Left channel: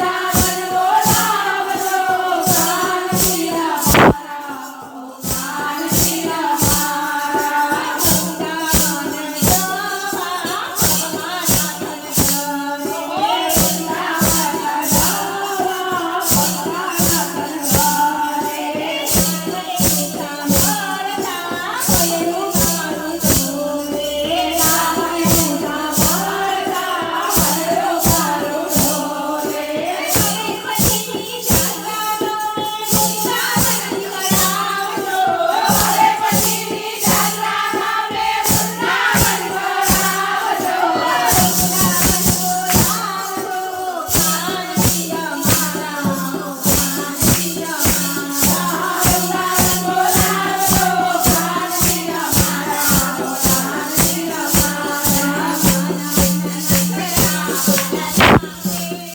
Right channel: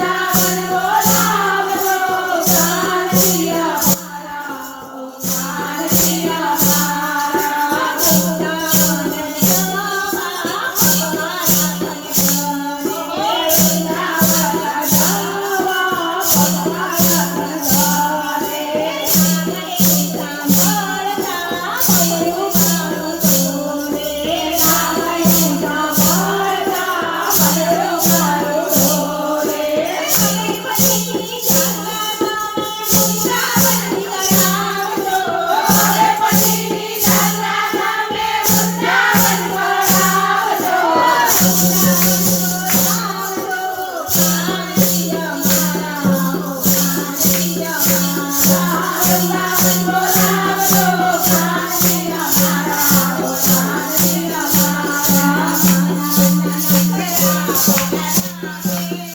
thousand.